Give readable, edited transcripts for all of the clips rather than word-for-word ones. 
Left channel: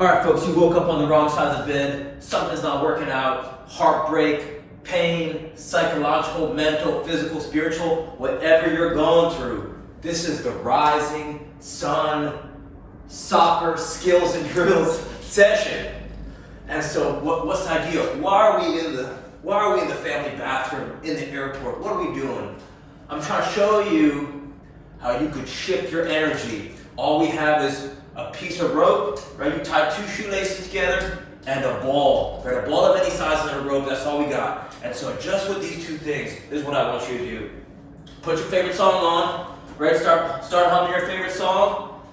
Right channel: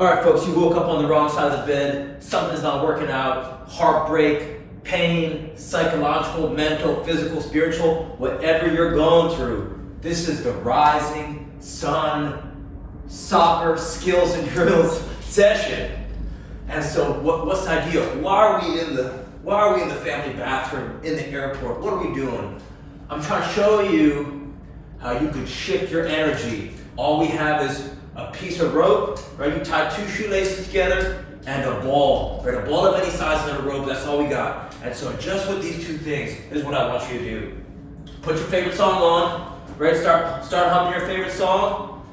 All right, folks, you woke up on the wrong side of the bed, something's not working out, heartbreak, pain, psychological, mental, physical, spiritual, whatever you're going through. This is the Rising Sun Soccer Skills and Drills session. And so what's the idea? Why are we in the family bathroom in the airport? What are we doing? I'm trying to show you how you could shift your energy. All we have is a piece of rope, right? You tie two shoelaces together and a ball, right? A ball of any size and a rope, that's all we got. And so just with these two things, this is what I want you to do. Put your favorite song on, right? Start humming your favorite song.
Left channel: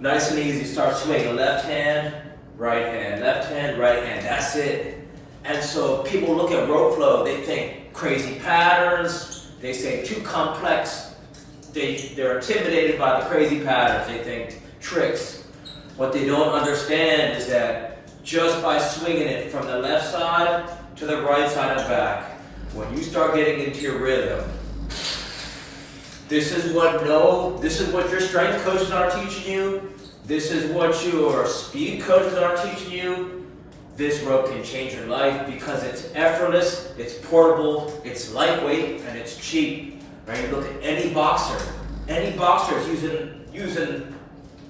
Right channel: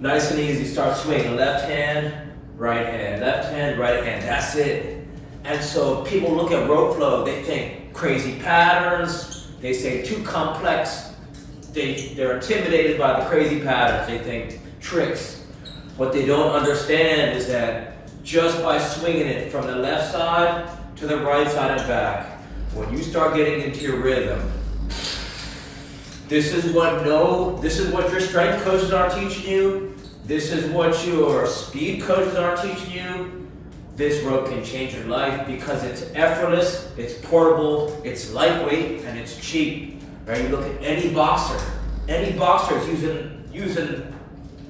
Nice and easy, start swinging. Left hand, right hand, left hand, right hand, that's it. And so people look at rope flow, they think crazy patterns, they say too complex, they're intimidated by the crazy patterns, they think tricks. What they don't understand is that just by swinging it from the left side to the right side and back, when you start getting into your rhythm, this is what your strength coaches are teaching you, this is what your speed coaches are teaching you. This rope can change your life because it's effortless, it's portable, it's lightweight, and it's cheap. Right? You look at any boxer is using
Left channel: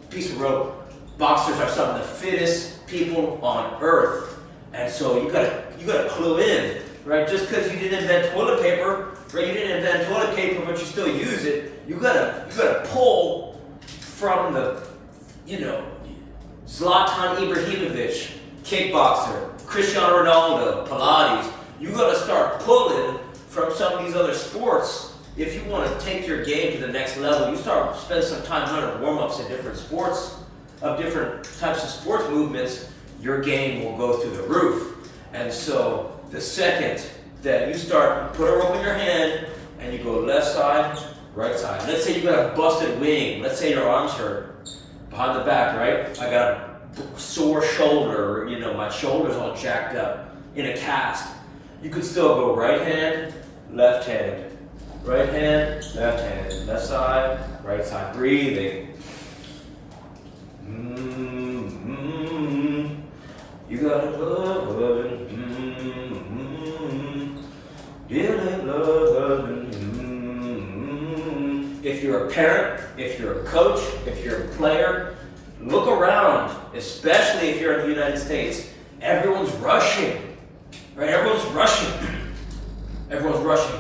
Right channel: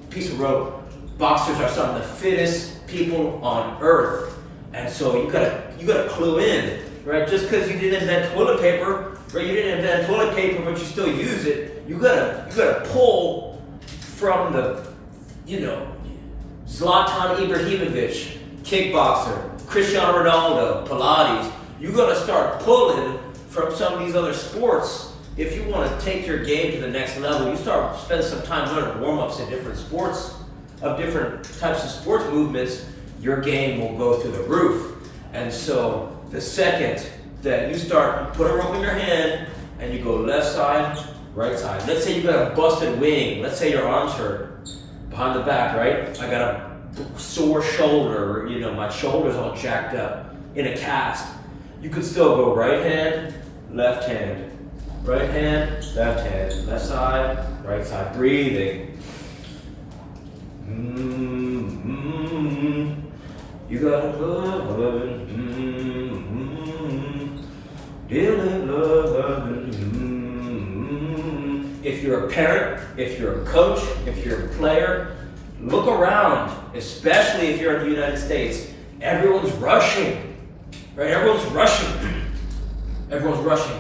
a piece of rope. Boxers are some of the fittest people on earth, and so you gotta clue in, right? Just because you didn't invent toilet paper, right? You didn't invent toilet paper, but you still use it. You gotta pull from the, Zlatan Ibrahimovic, kickboxer, Cristiano Ronaldo, Pilates. You gotta start pulling from some of these other sports. If you want to take your game to the next level, you start spend some time learning warm-ups in different sports, of different types of sports movements, your game will go through the roof. And so the second that you put a rope in your hand and you go left side, right side. Let's say you got a busted wing. Let's say your arms hurt behind the back, right? I got a sore shoulder, my shoulder's all jacked up in a cast. You could still go right hand, left hand, right hand, left side, right side, breathing. You gotta love, dealing love. If you're a parent, if you're a coach, if you're a player, look around, especially if you're in the United States. Everyone's rushing, right? Everyone's rushing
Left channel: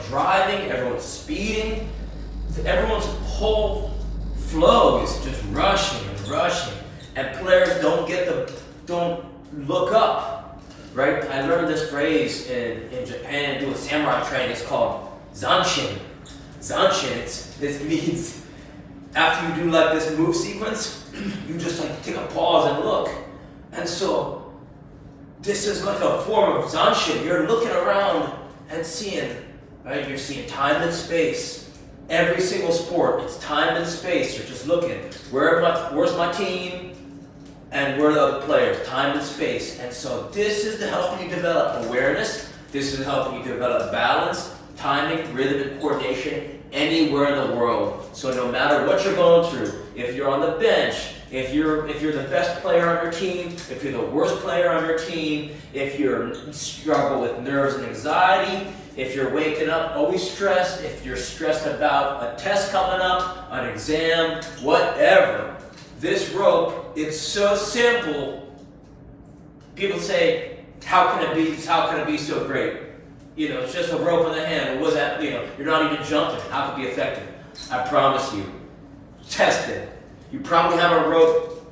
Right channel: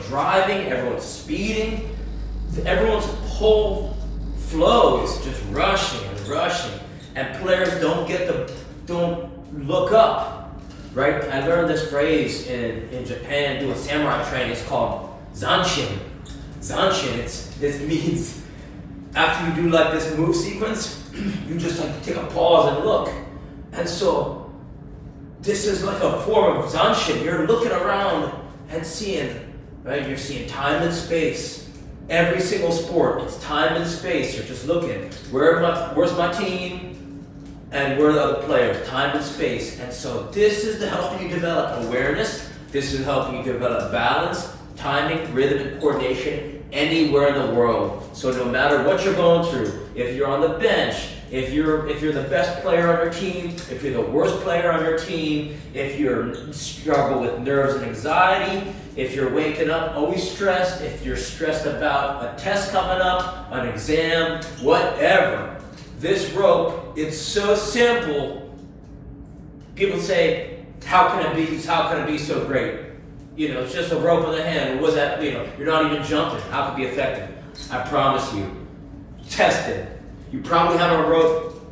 driving, everyone's speeding. Everyone's whole flow is just rushing. And players don't look up, right? I learned this phrase in Japan doing samurai training. It's called zanshin. This means after you do like this move sequence, you just take a pause and look. And so this is like a form of zanshin. You're looking around and seeing, right? You're seeing time and space. Every single sport, it's time and space. You're just looking. Where's my team? And where are the other players? Time and space. And so this is helping you develop awareness. This is helping you develop balance, timing, rhythm, and coordination anywhere in the world. So no matter what you're going through, if you're on the bench, if you're the best player on your team, if you're the worst player on your team, if you struggle with nerves and anxiety, if you're waking up always stressed, if you're stressed about a test coming up, an exam, whatever, this rope, it's so simple. People say, how can it be so great? It's just a rope in the hand. Or was that, you're not even jumping. How could it be effective? I promise you. Test it. You probably have a rope,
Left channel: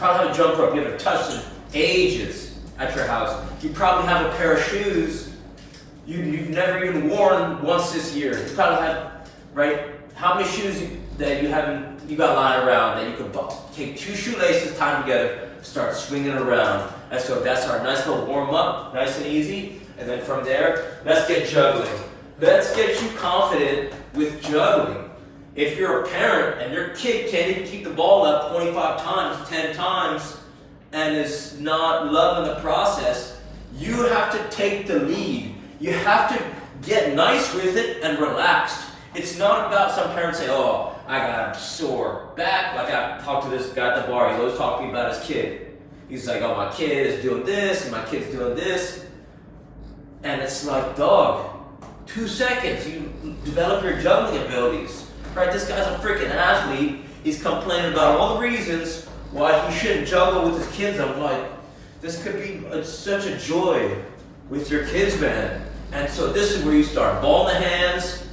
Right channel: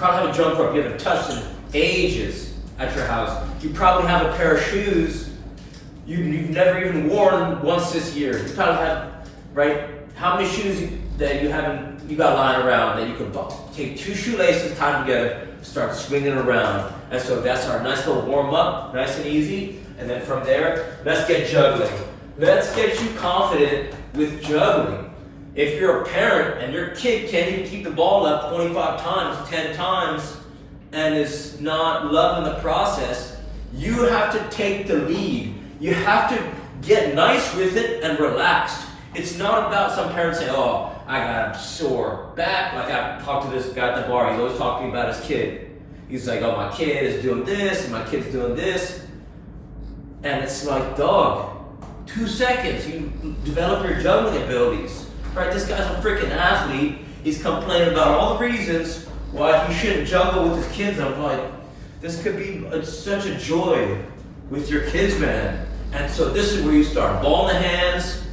a jump rope you haven't touched in ages at your house. You probably have a pair of shoes you've never even worn once this year. You probably have, right? How many shoes that you got lying around that you can take two shoelaces, tie them together, start swinging around. And so that's our nice little warm up, nice and easy. And then from there, let's get juggling. Let's get you confident with juggling. If you're a parent and your kid can't even keep the ball up 25 times, 10 times, and is not loving the process, you have to take the lead. You have to get nice with it and relaxed. It's not about some parents say, oh, I got a sore back. Like I talked to this guy at the bar, he's always talking about his kid. He's like, oh, my kid is doing this, and my kid's doing this. And it's like, dog, 2 seconds, you develop your juggling abilities. Right, this guy's a freaking athlete. He's complaining about all the reasons why he shouldn't juggle with his kids. I'm like, this could be such a joy with your kids, man. And so this is where you start. Ball in the hands,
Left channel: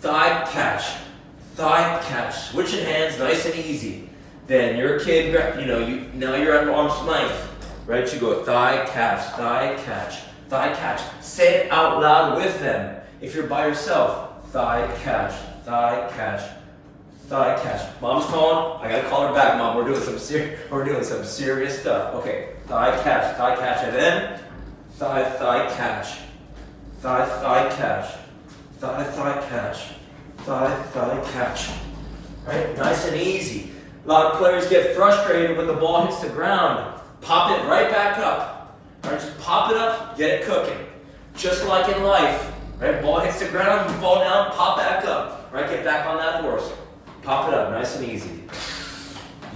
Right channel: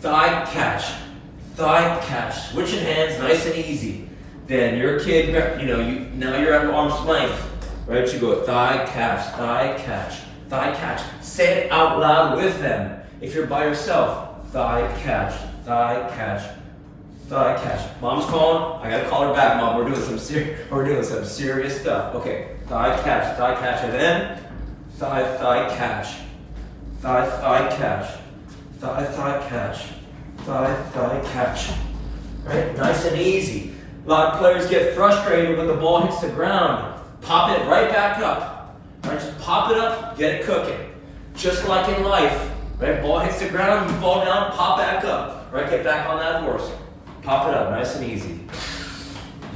thigh catch, switching hands, nice and easy. Then your kid, now you're at arm's length, right? You go thigh catch. Say it out loud with them. If you're by yourself, thigh catch. Mom's calling. I gotta call her back, Mom. We're doing some serious stuff. Okay, thigh catch, and then thigh catch. Right? Nice and easy. A lot of players get frustrated when the ball hits the ground. Pop it right back up. Right? Just pop it up, get it cooking. Just like in life. Right? Ball hits the ground, you fall down, pop back up. Right? Get back on that horse. Pop it up, nice and easy.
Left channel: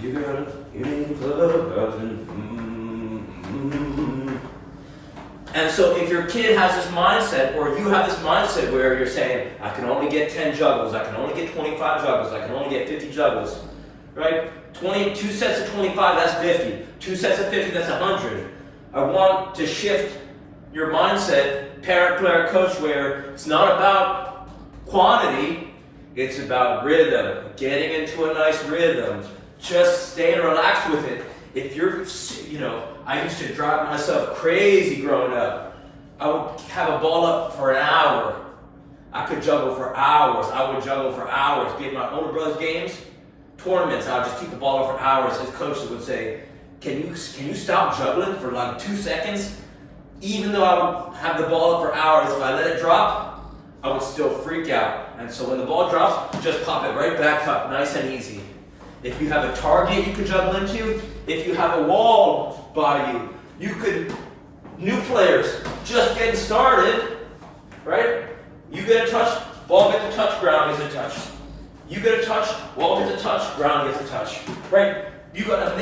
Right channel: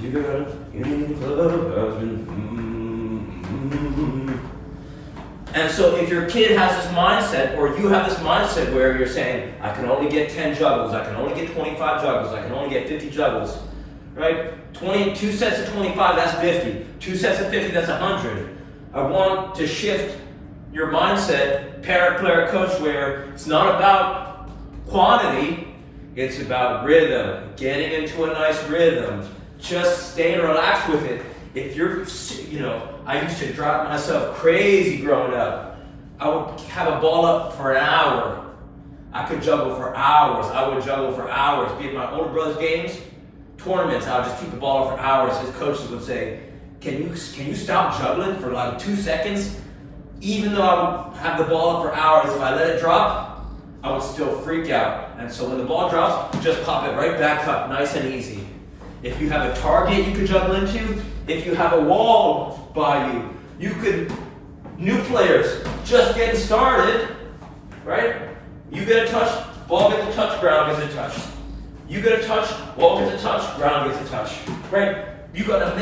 You got it. And so if your kid has this mindset, or you have this mindset where you're saying, I can only get 10 juggles, I can only get 25 juggles, I can only get 50 juggles, right? 2 sets of 25, that's 50. 2 sets of 50, that's 100. I want to shift your mindset, parent, player, coach, where it's not about quantity, it's about rhythm, getting into a nice rhythm, just staying relaxed with it. If you're, I used to drive myself crazy growing up. I would have a ball up for an hour. I could juggle for hours. Be at my older brother's games, tournaments, I would just keep the ball up for hours. His coaches would say, can you stop juggling for like 2 seconds? Even though I would have the ball up for hours, if I let it drop, I would still freak out. And so when the ball drops, just pop it right back up, nice and easy. If you have a target you can juggle into, if you have a wall by you, new players, just getting started, right? You get a touch, ball gets a touch, ground gets a touch. You get a touch, ball gets a touch, ground gets a touch, right? You gotta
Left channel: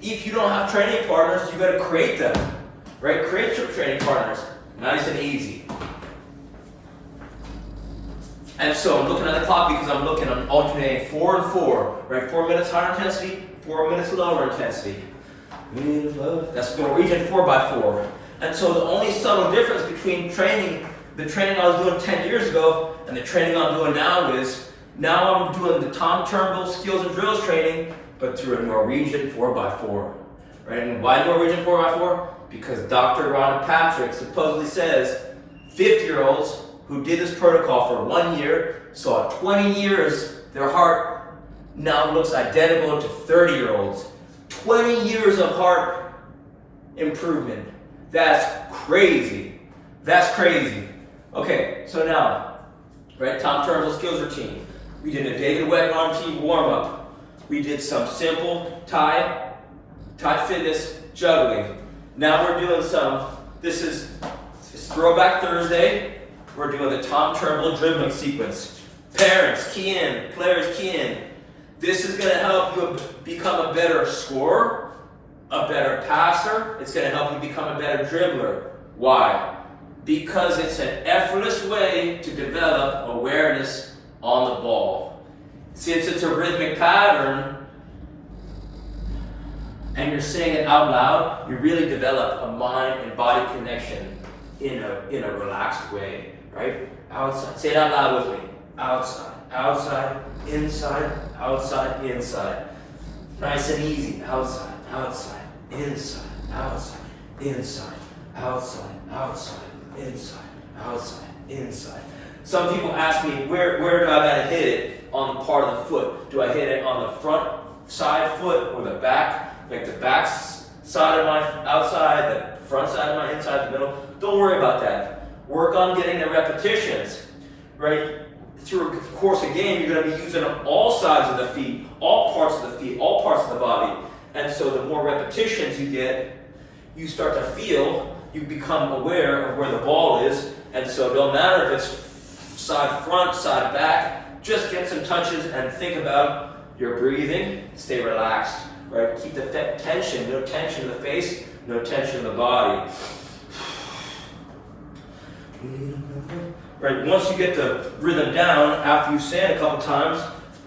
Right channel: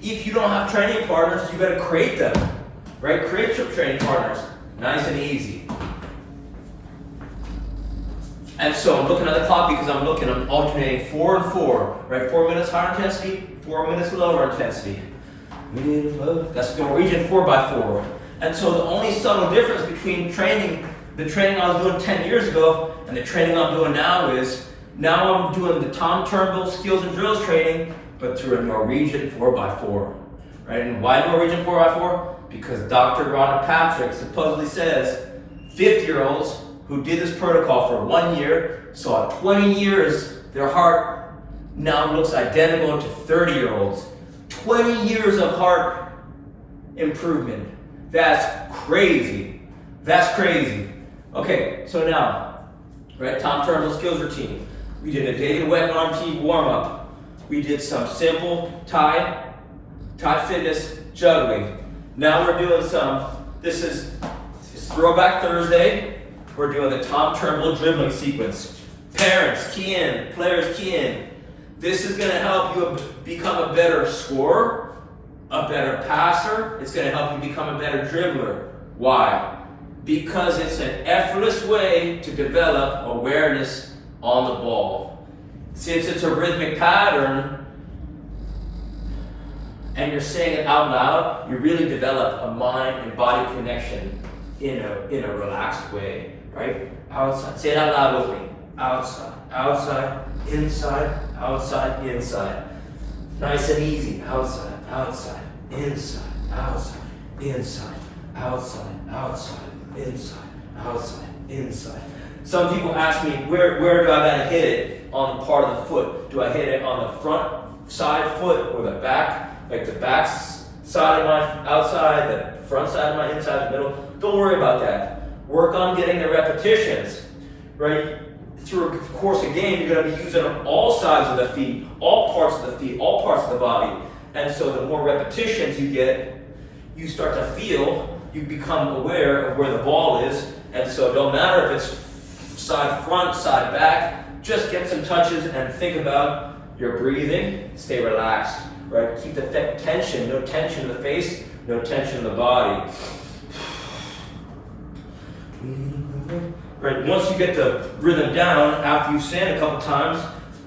if you don't have training partners, you gotta create them, right? Create your training partners, nice and easy. And so I'm looking at the clock because I'm alternating 4 and 4, right? 4 minutes higher intensity, 4 minutes lower intensity. That's Norwegian 4x4. And so the only subtle difference between the training I was doing 10 years ago and the training I'm doing now is, now I'm doing the Tom Turnbull skills and drills training, but through a Norwegian 4x4, right? And why Norwegian 4x4? Because Dr. Ron Patrick supposedly says 50-year-olds who did this protocol for 1 year, saw 20 years, their heart now looks identical to 30-year-olds. 20 years of heart improvement. That's crazy. Okay, so now, right, Tom Turnbull skills routine. We did a David Wet arm team warm-up. We did some simple Thai fitness juggling. Now we're doing this is Throwback Thursday. We're doing the Tom Turnbull dribbling sequence. Parents, key in. Players, key in. This is going to help you become a better scorer, a better passer. It's going to help you become a better dribbler. Why? Because it's an effortless way to develop awareness on the ball. Since it's a rhythmic pattern, and you're saying it out loud, you really develop a mind and body connection in a relaxed way. Right? Outside. Say it out loud with me. Outside, inside, inside. Nice and easy. Outside, inside, inside. Some people ask me, where do I gotta hit it on the part of the foot? Do I hit it on the front side foot or the back? Like the back side of my outside, the front side of my inside, the middle? Don't worry about that. Work on getting the repetitions, right? Through the course of the game, you're going to be using all sides of the feet, all parts of the feet, all parts of the body. And so the more repetitions you get, you start to feel, you become aware of where the ball is. And so it don't matter if it's side front, side back, just get some touches and think about You're breathing, stay relaxed, right? Keep the tension, no tension in the face, no tension in the body. Right, once you get the rhythm down, after you stand a couple times,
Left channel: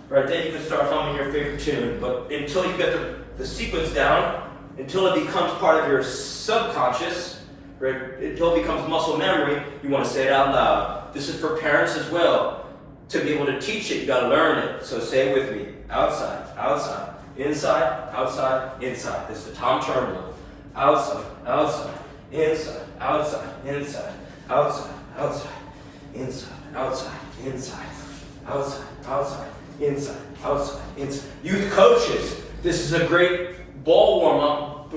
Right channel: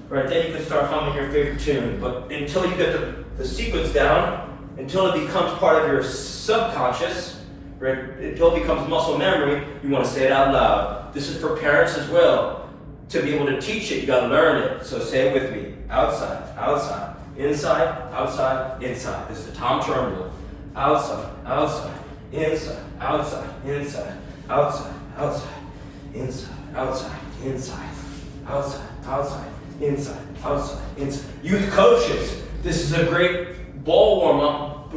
right, then you can start humming your favorite tune. But until you get the sequence down, until it becomes part of your subconscious, right, until it becomes muscle memory, you want to say it out loud. This is for parents as well. To be able to teach it, you got to learn it. So say it with me. Outside, outside, inside, outside, inside. This is the Tom Turnbull. Outside, outside, inside, outside, inside, outside, outside, inside, outside, inside, outside, outside, inside, outside, inside. Youth coaches, this is a great ball warm-up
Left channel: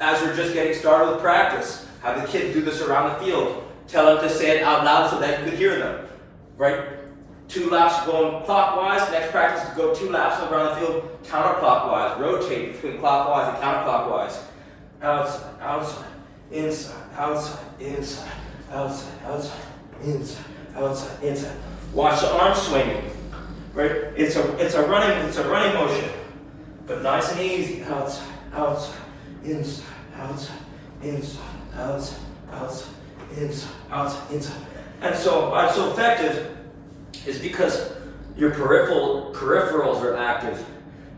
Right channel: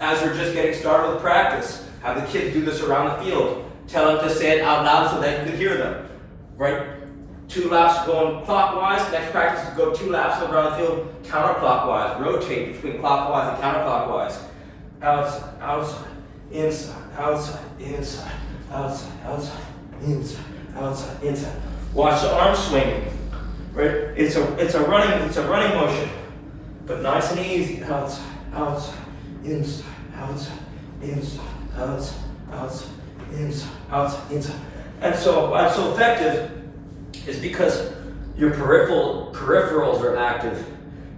as you're just getting started with practice. Have the kids do this around the field. Tell them to say it out loud so that you can hear them, right? 2 laps going clockwise, next practice to go 2 laps around the field counterclockwise. Rotate between clockwise and counterclockwise. Outside, outside, inside, outside, inside, outside, outside, inside, outside, inside. Watch the arm swinging. Right? It's a running motion. But nice and easy. Outside, outside, inside, outside, inside, outside, outside, inside, outside, inside. And so why it's so effective is because your peripherals are active.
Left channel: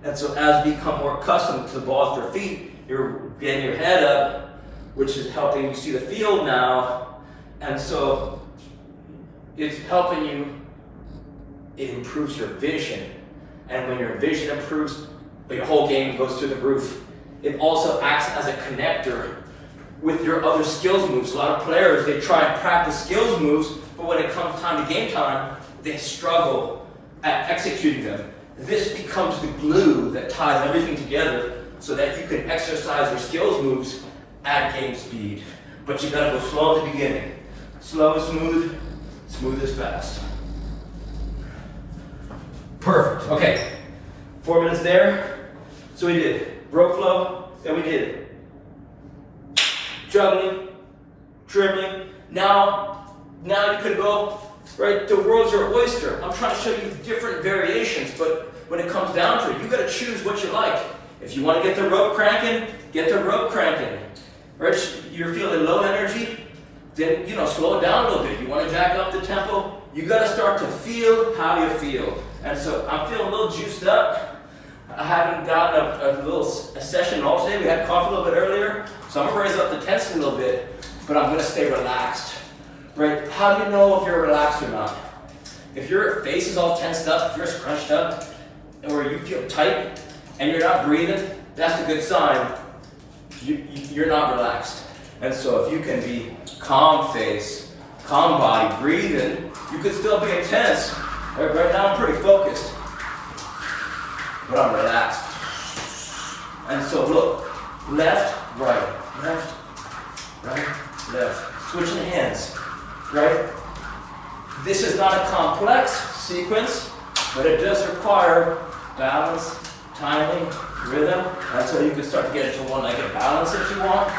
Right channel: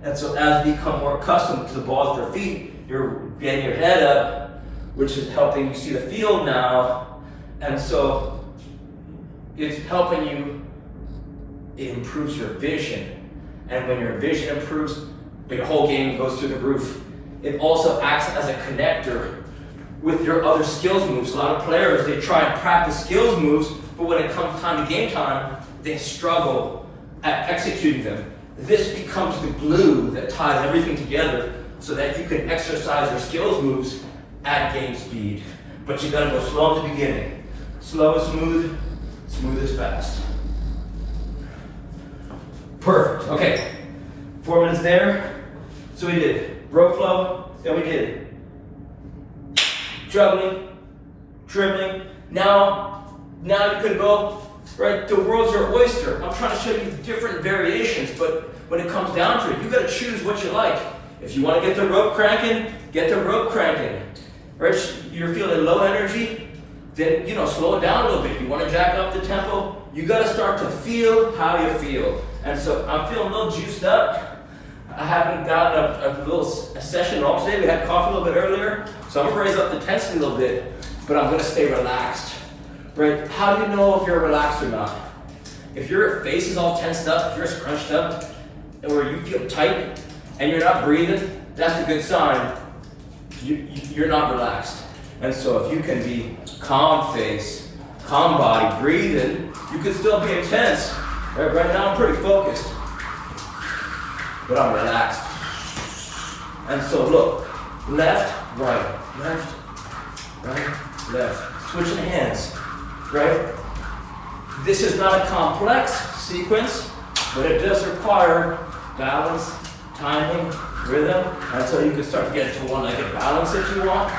And so as you become more accustomed to the balls at your feet, you're getting your head up, which is helping you see the field now. And so it's helping you, it improves your vision. And when your vision improves, your whole game goes through the roof. It also acts as a connector with your other skills moves. A lot of players, they try and practice skills moves, but when it comes time to game time, they struggle at executing them. This becomes the glue that ties everything together so that you can exercise your skills moves at game speed. But you gotta go slow at the beginning. Slow, smooth, smooth is fast. Perfect, okay. 4 minutes there. So we did rope flow, then we did juggling, dribbling. Now you could go, right, the world's your oyster. I'm trying to show you different variations, but when it comes down to it, you gotta choose what you like. If you wanna get the rope cranking, get the rope cranking. Right, you're feeling low energy, then, slow it down a little bit. You wanna jack up the tempo, you gotta start to feel how you feel. And so I'm feeling a little juiced up. I haven't gotten a session at all today. We had coffee a little bit earlier, so I'm gonna raise up the intensity a little bit, but I'm gonna stay relaxed. Right? How do you know if you're relaxed or not? If your face is all tensed up, if you're scrunched up, or you feel tight and you're not breathing, that's a good sign you're not relaxed. And so if you can be calm face, calm body, breathing, you can still be intense. Right now I'm pretty focused, but I'm relaxed. And so look, left, right, left. Switching hands. Right? This is not a complex sequence, but it does require balance, timing, rhythm, and so you can start to get into one-legged balance if you want.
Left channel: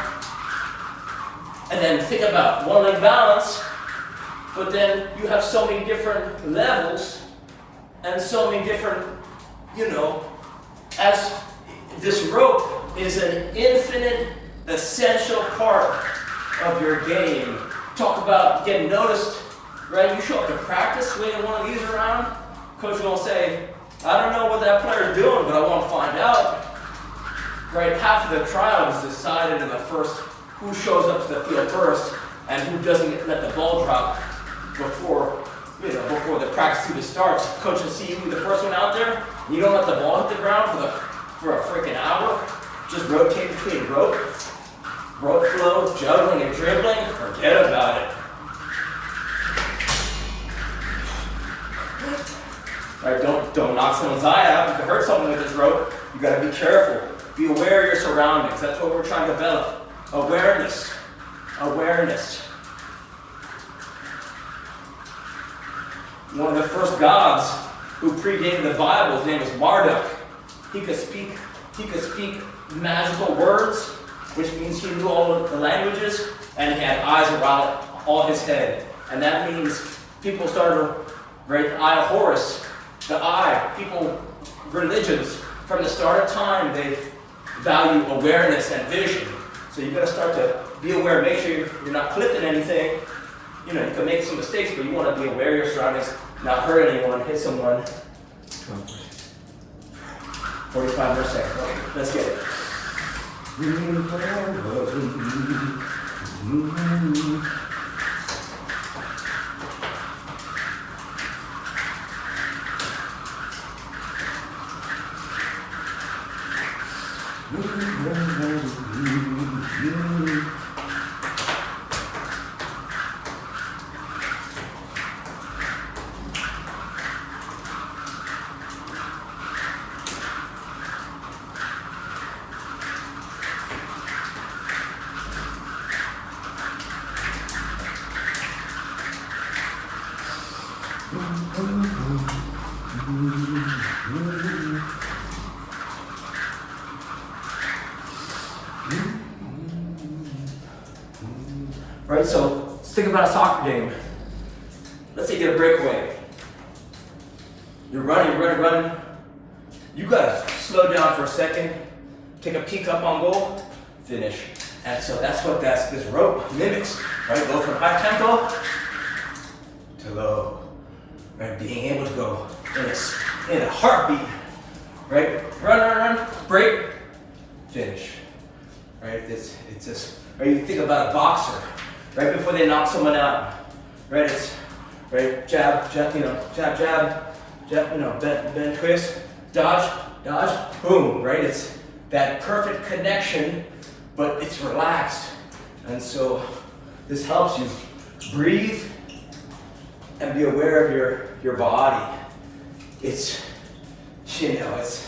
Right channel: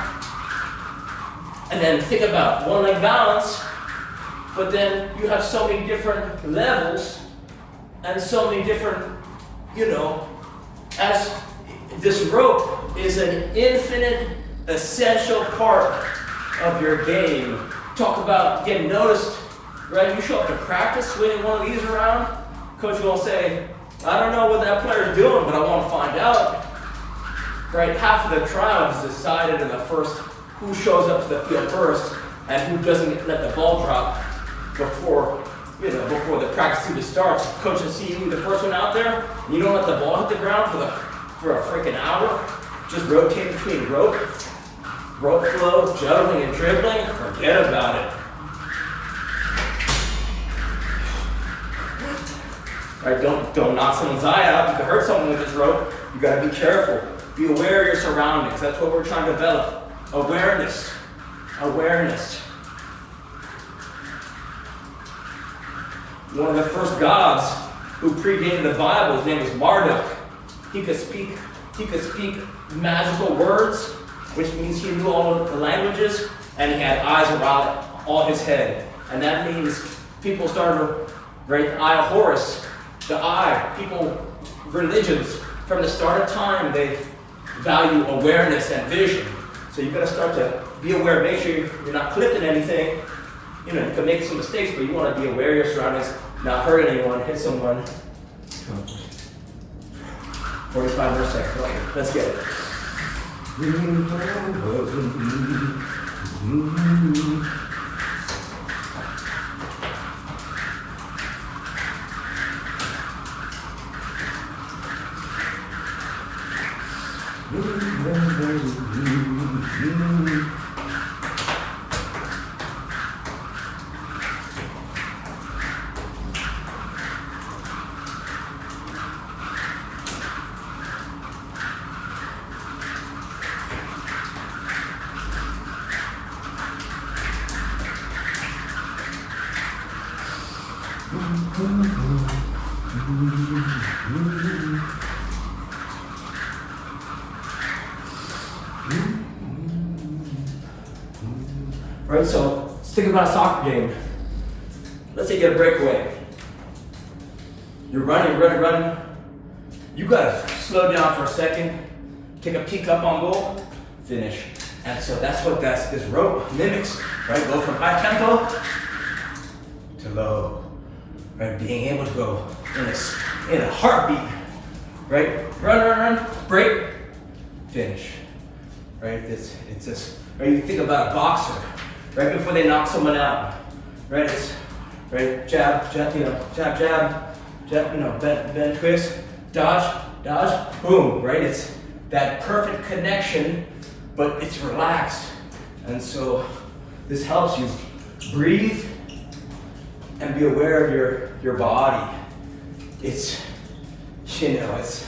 And then think about one-leg balance, but then you have so many different levels and so many different, as this rope is an infinite, essential part of your game. Talk about getting noticed, right? You show up to practice swinging one of these around, coach will say, I don't know what that player's doing, but I want to find out. Right? Half of the trial is decided in the first, who shows up to the field first, and who doesn't let the ball drop before the practice even starts. Coach will see you the first one out there, you don't let the ball hit the ground for a freaking hour, just rotate between rope flow, juggling and dribbling, forget about it. Right, don't knock someone's eye out. You can hurt someone with this rope. You gotta be careful. Be aware of your surroundings. That's what we're trying to develop. Awareness. One of the first gods who predated the Bible, his name was Marduk. He could speak magical words, which means he knew all of the languages, and he had eyes around all his head. And that means people started to, right, the eye of Horus The eye, people, religions, from the start of time, they value awareness and vision. So you gotta start to be aware, make sure you're not clipping anything. You know, you can make some mistakes, but you wanna be aware of your surroundings, not hurt anyone, hit someone. 45 more seconds. Okay, let's get it. Right, so let's think about a soccer game. Let's say you get a breakaway. You're running. You gotta slow down for a second, take a peek up on goal, finish. And so that's what this rope mimics, right? Go from high tempo to low, right? Being able to go in a heartbeat, right? Run, break, finish, right? It's just, right? You think about a boxer, right before they knock someone out, right? It's right, jab, bend, twist, dodge, boom, right? It's that perfect connection, but it's relaxed. And so this helps you breathe and be aware of your body. It's, it's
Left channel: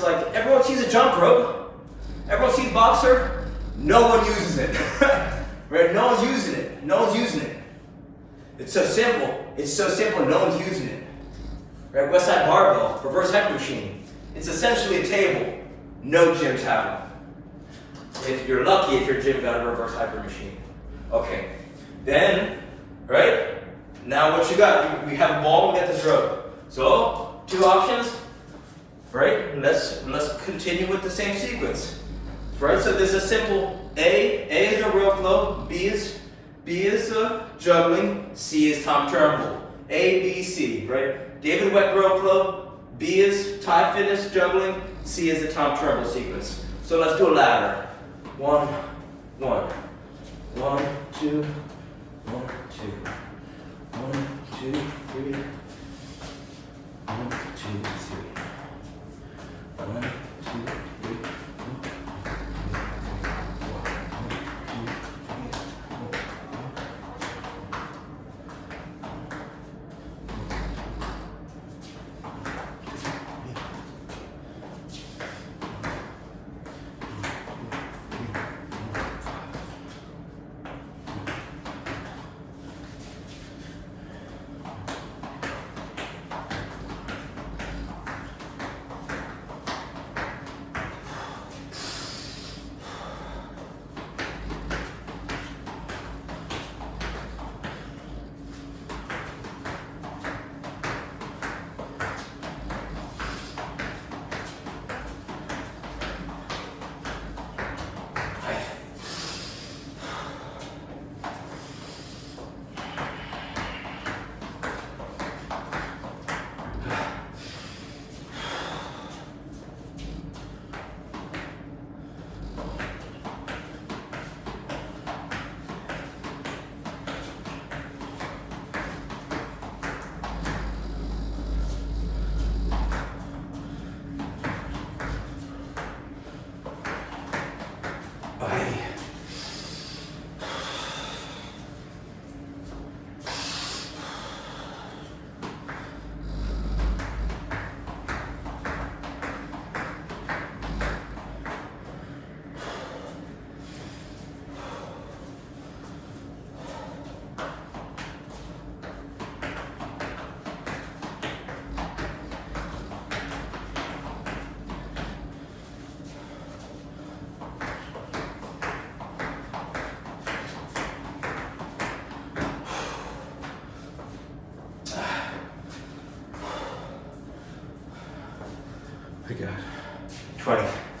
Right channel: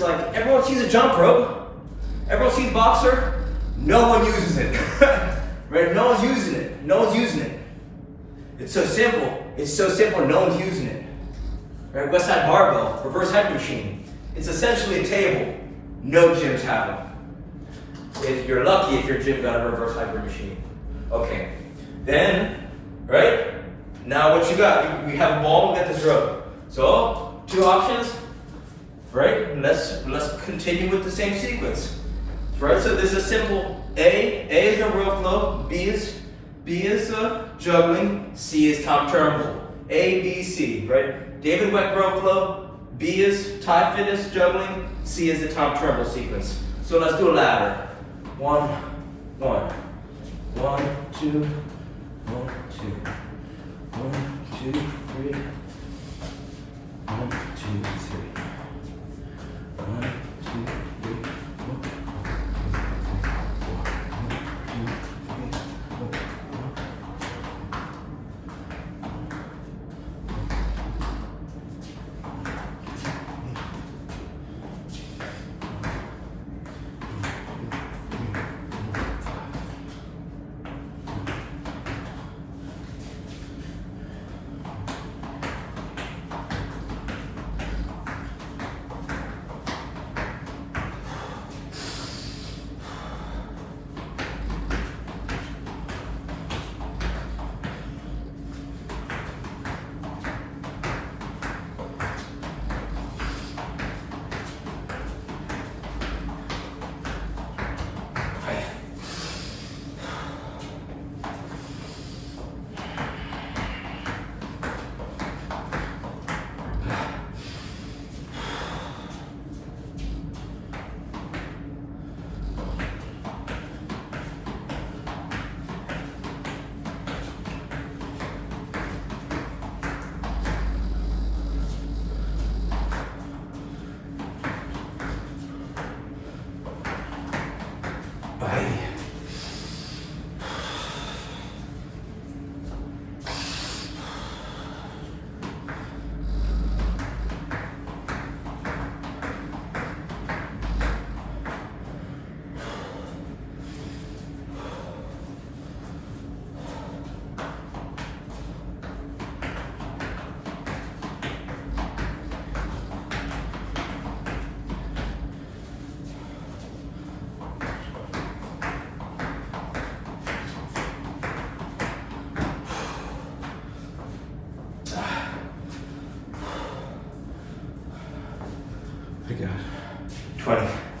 like everyone sees a jump rope, everyone sees boxer, no one uses it. Right? No one's using it. It's so simple, no one's using it. Right? West Side barbell, reverse head machine. It's essentially a table. No gyms have them. If you're lucky, if your gym got a reverse hyper machine. Okay. Then, right? Now what you got? We have a ball, we got this rope. So, two options. Right? Let's continue with the same sequence. Right? So this is simple. A is a real flow, B is juggling, C is top turnbull. A, B, C, right? David Weck row flow, B is Thai fitness juggling, C is the top turnbull sequence. So let's do a ladder. 1, 1, 1, 2, 1, 2, 1, 2, 3, 1, 2, 3, 1, 2, 3. I got 20.